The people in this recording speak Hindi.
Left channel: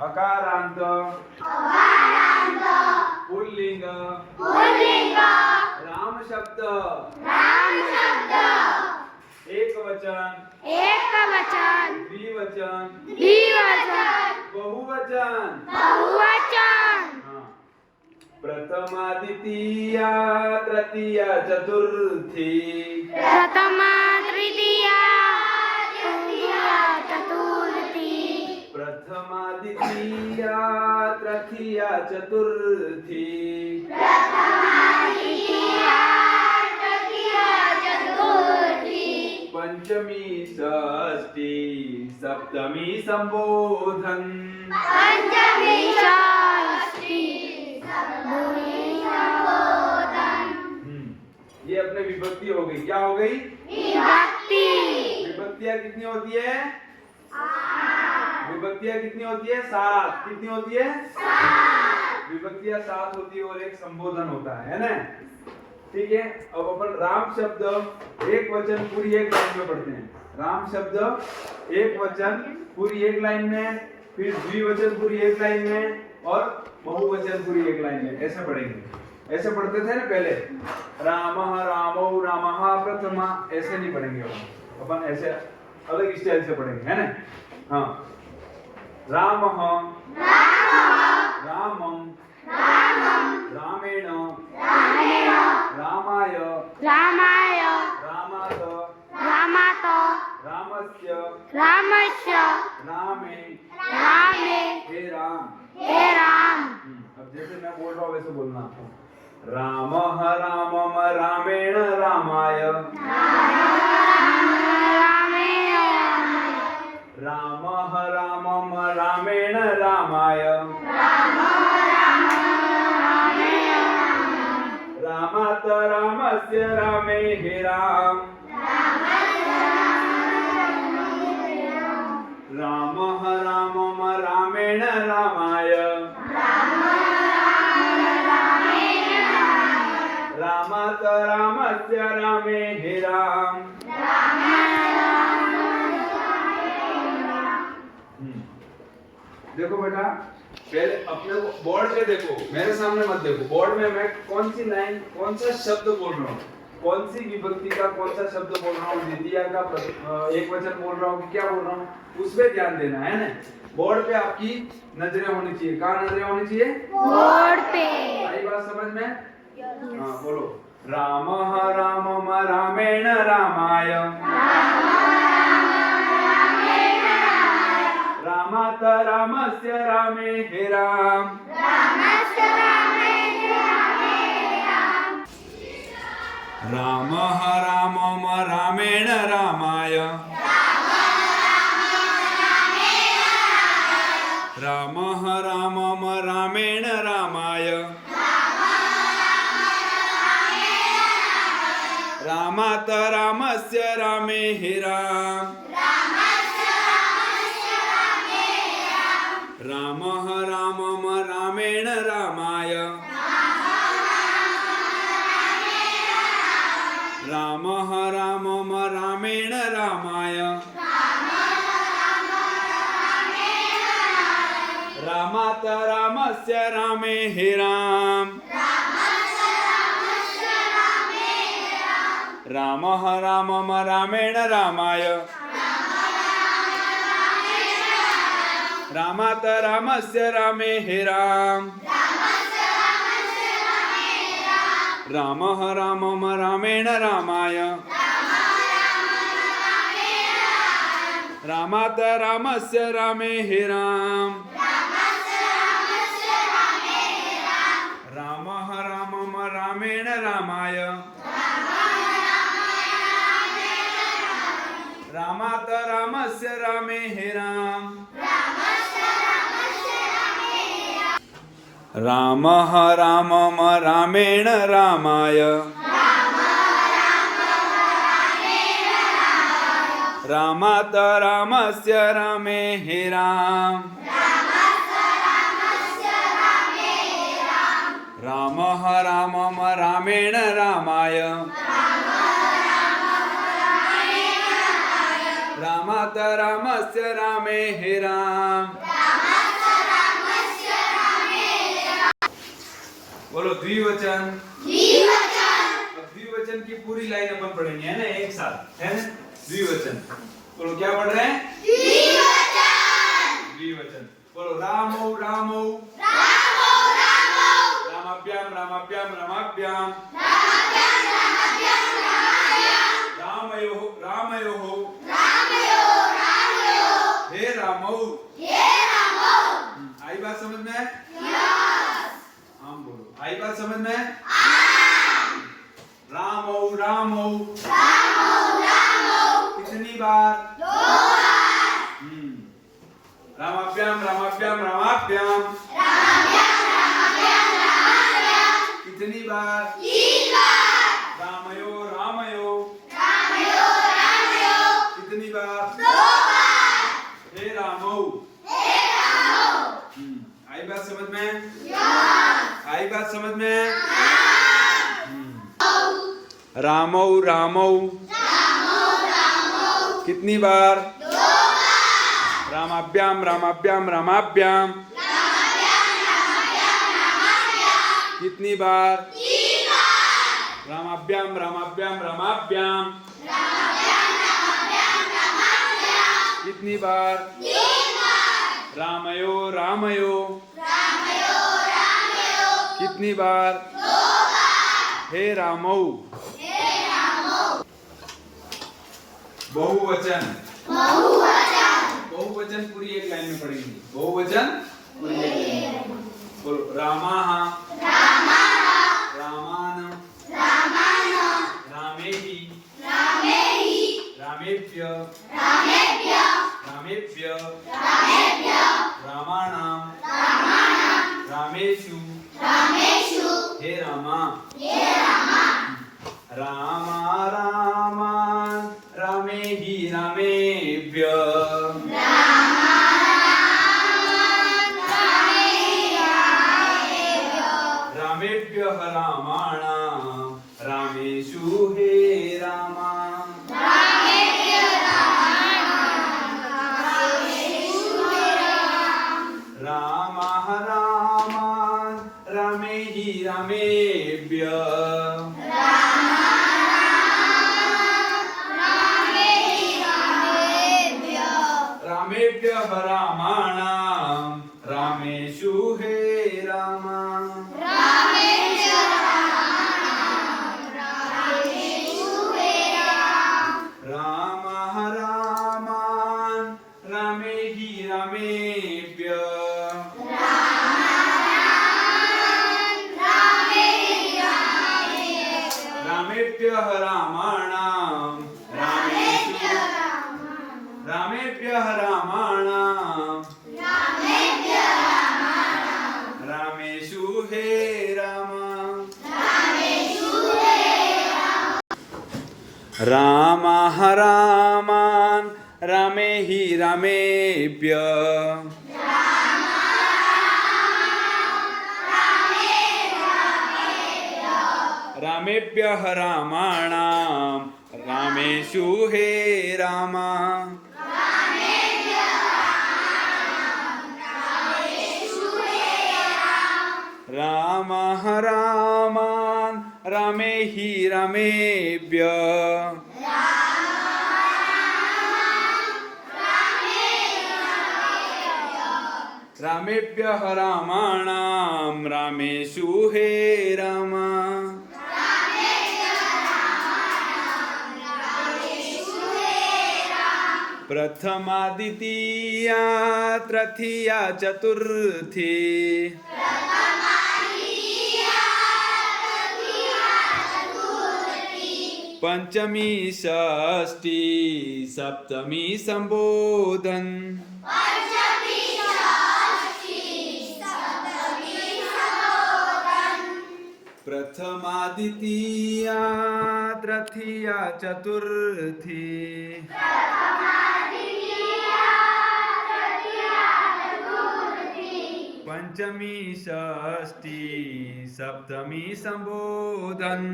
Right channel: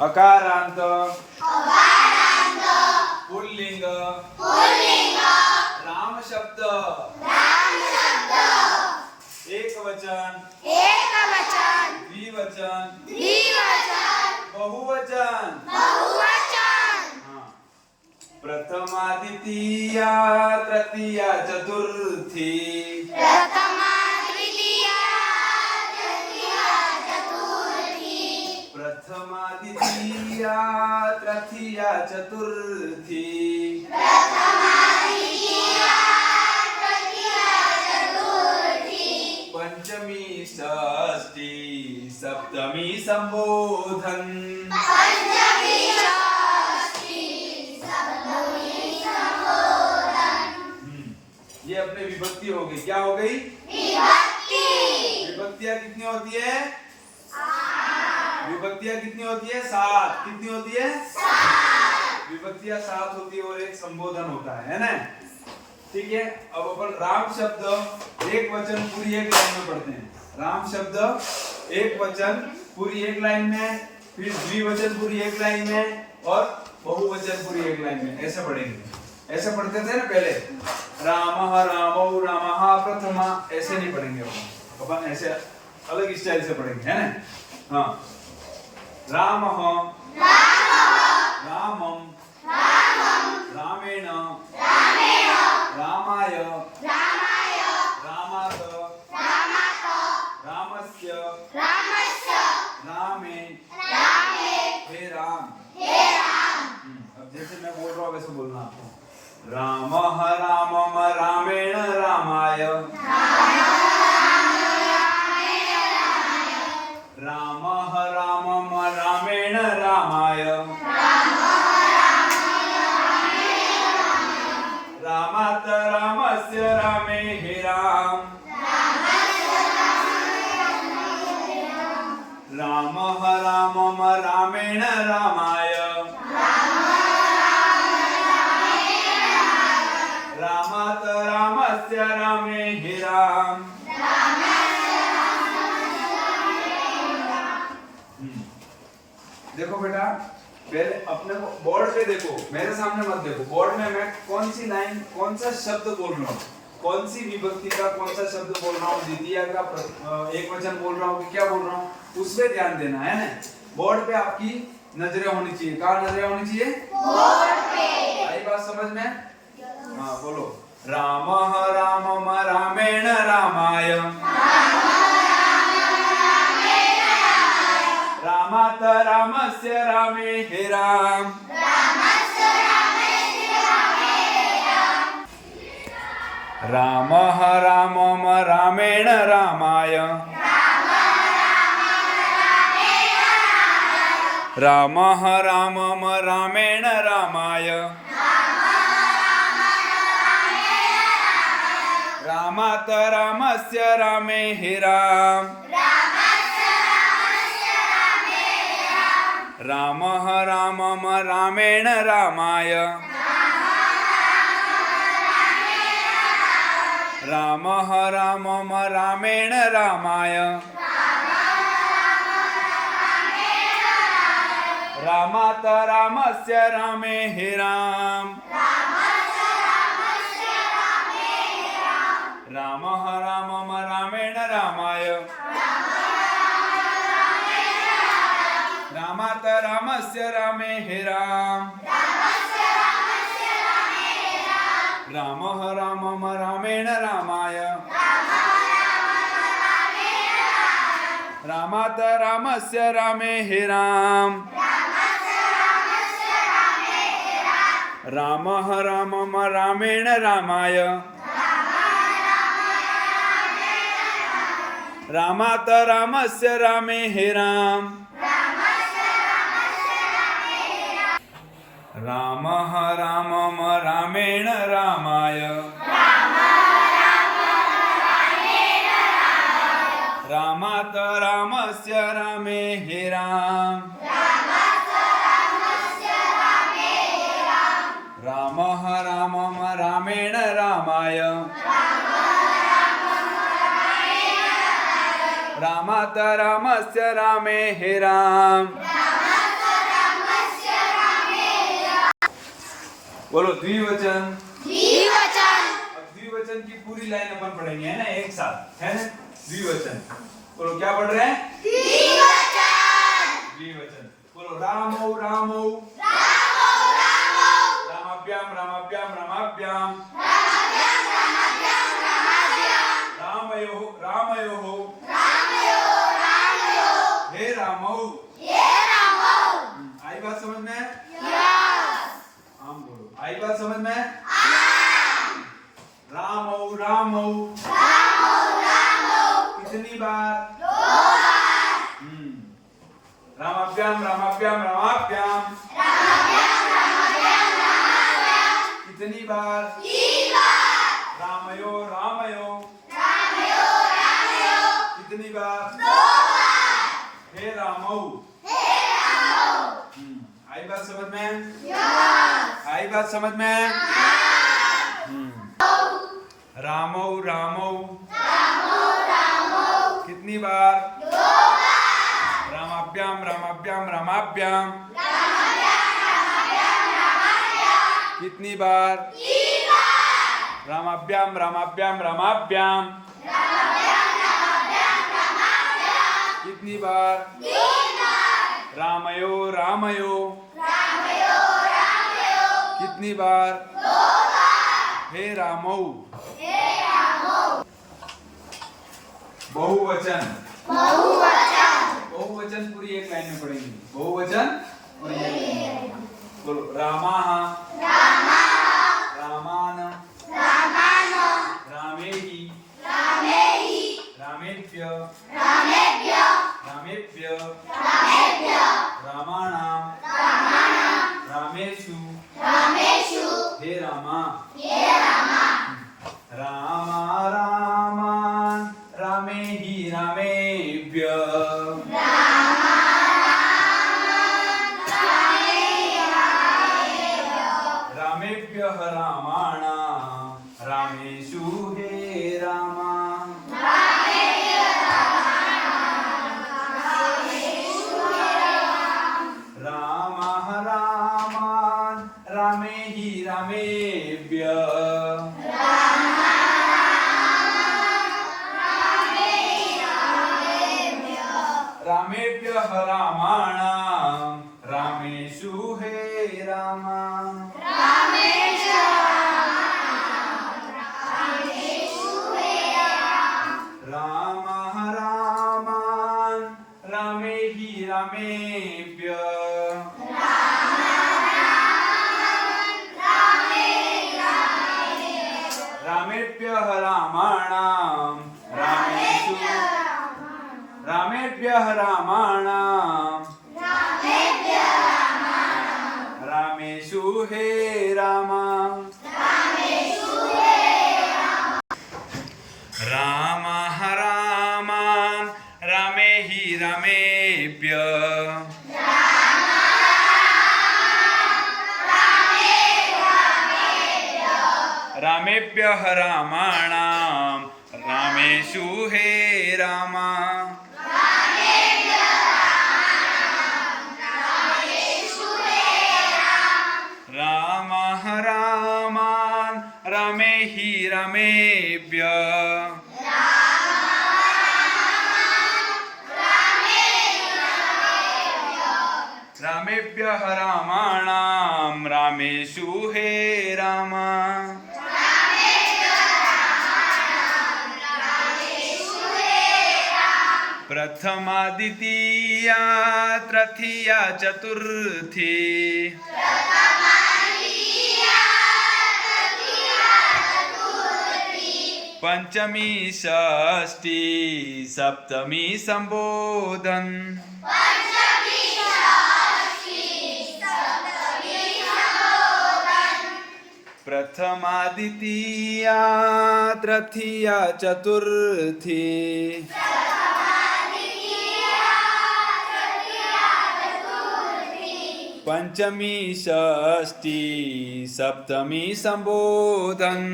अकारांत पुल्लिंग राम शब्द एक वचन द्विवचन बहुवचन हाँ। प्रथमा द्वितीया तृतीया चतुर्थी प्रथमा तृतीया चतुर्थी प्रथमा द्वितीया तृतीया चतुर्थी पंचमी षष्ठी सप्तमी संबोधन ये अपने विभक्ति हो गई। क्या हो गई? विभक्तियां कितनी होती है? विभक्तियां कितनी होती है? 7। कितनी होती है? विभक्तियां 7 होती है और एक संबोधन होता है ना। ठीक है, अब अपन राम शब्द एक वचन पूरी एक लाइन में पढ़ते हैं। राम शब्द एक वचन पूरी एक लाइन में, फिर द्विवचन पूरी एक लाइन में और बहुवचन पूरी एक लाइन में, ऐसा पढ़ेंगे। ऐसा पढ़ते थे ना पहले, रामः रामौ रामः प्रथमा, ऐसे नहीं पढ़ेंगे अपन ऐसे अलग स्टाइल से पढ़ेंगे, है ना। हाँ, रामः रामम रामेण रामाय रामात रामस्य रामे हे राम। अब जैसे मैं बोल रहा हूँ वैसे बोलना आपको। रामः रामम रामेण रामाय रामः रामम रामेण रामाय रामात रामस्य रामे हे राम। रामः रामम रामेण रामाय रामात रामस्य रामे हे राम। देखो बेटा, पहले अपने को बोर्ड पे देखो, मेरे सामने मत देखो। बोर्ड में मैं कौन सी लाइन, कौन सा शब्द बोल रहा हूँ, कौन सी विभक्ति का कौन सा शब्द बोल रहा हूँ, द्वितीया का एक वचन बोल रहा हूँ कि क्या बोल रहा हूँ, उसमें ध्यान देना है ना। बोर्ड पे आपकी नजरें होनी चाहिए। कहाँ नजरें होनी चाहिए? बोर्ड पे। आई बात समझ में? हाँ बोलो। रामः रामम रामेण रामाय रामात रामस्य रामे हे राम। रामः रामम रामेण रामाय रामः रामम रामेण रामाय रामात रामस्य रामे हे राम। रामः रामम रामेण रामाय रामः रामम रामेण रामाय रामात रामस्य रामे हे राम। रामः रामम रामेण रामाय रामात रामस्य रामे हे राम। रामः रामम रामेण रामाय रामात रामस्य रामे हे राम। रामः रामम रामेण रामाय रामात रामस्य रामे हे राम। रामः रामम रामेण रामाय रामात रामस्य रामे हे राम। रामः रामम रामेण रामाय रामात रामस्य रामे हे राम। बोलो द्विवचन। द्विवचन। अब द्विवचन की पूरी लाइन अपन पढ़ेंगे, है ना, एक साथ, है ना। द्विवचन बोलो, क्या पढ़ रहे हैं? द्विवचन। द्विवचन बोलो, रामो रामो रामो रामो। रामाभ्याम रामाभ्याम रामाभ्याम रामाभ्याम रामाभ्याम रामाभ्याम। रामयोः रामयोः रामयो रामयो। हे रामौ। हे रामो। आई बात समझ में? यस। हम बोलो, आई बात समझ में? हाँ। रामौ रामौ रामो रामो। कितनी बार? 2 बार। रामाभ्याम रामाभ्याम रामाभ्याम रामाभ्याम रामाभ्याम रामाभ्याम। कितनी बार? 3 बार। रामयो रामयो रामयो रामयो। कितनी बार? 2 बार। हे रामौ। हे रामो। आई बात समझ में? यस। आई बात समझ में? हाँ। रामौ रामौ रामो रामो। कितनी बार? 2 बार। रामाभ्याम रामाभ्याम रामाभ्याम रामाभ्याम रामाभ्याम रामाभ्याम। कितनी बार? 3 बार। रामाभ्याम रामाभ्याम रामाभ्याम रामाभ्याम रामाभ्याम रामाभ्याम। कितनी बार? 3 बार। रामयो रामयो रामयो रामयो। कितनी बार? 2 बार। हे रामौ। हे रामो। बहुवचन। बहुवचन। बहुवचन पूरी एक लाइन में पढ़ेंगे। बहुवचन पूरी एक लाइन में। बोलो, रामाः रामः। रामान रामान। रामेहि रामेहि। रामेभ्य रामेभ्यः। रामेभ्य रामेभ्यः। रामाणां रामाणां। रामेषु रामेषु। हे रामा। हे रामा। रामा रामान् रामेहि रामेभ्य रामेभ्यः रामाणां रामेषु हे रामा। रामः रामान् रामेहि रामेभ्य रामेभ्यः रामाणां रामेषु हे रामा। रामः रामान् रामेहि रामेभ्य रामेभ्यः रामाणां रामेषु रामेभ्यः रामाणां रामेषु हे रामा। रामः रामान् रामेहि रामेभ्य रामेभ्यः रामाणां रामेषु हे रामा। रामः रामान् रामेहि रामेभ्य रामेभ्यः रामाणां रामेषु हे रामा। प्रथमा द्वितीया तृतीया चतुर्थी पंचमी षष्ठी सप्तमी संबोधन। प्रथमा द्वितीया तृतीया चतुर्थी पंचमी षष्ठी सप्तमी संबोधन।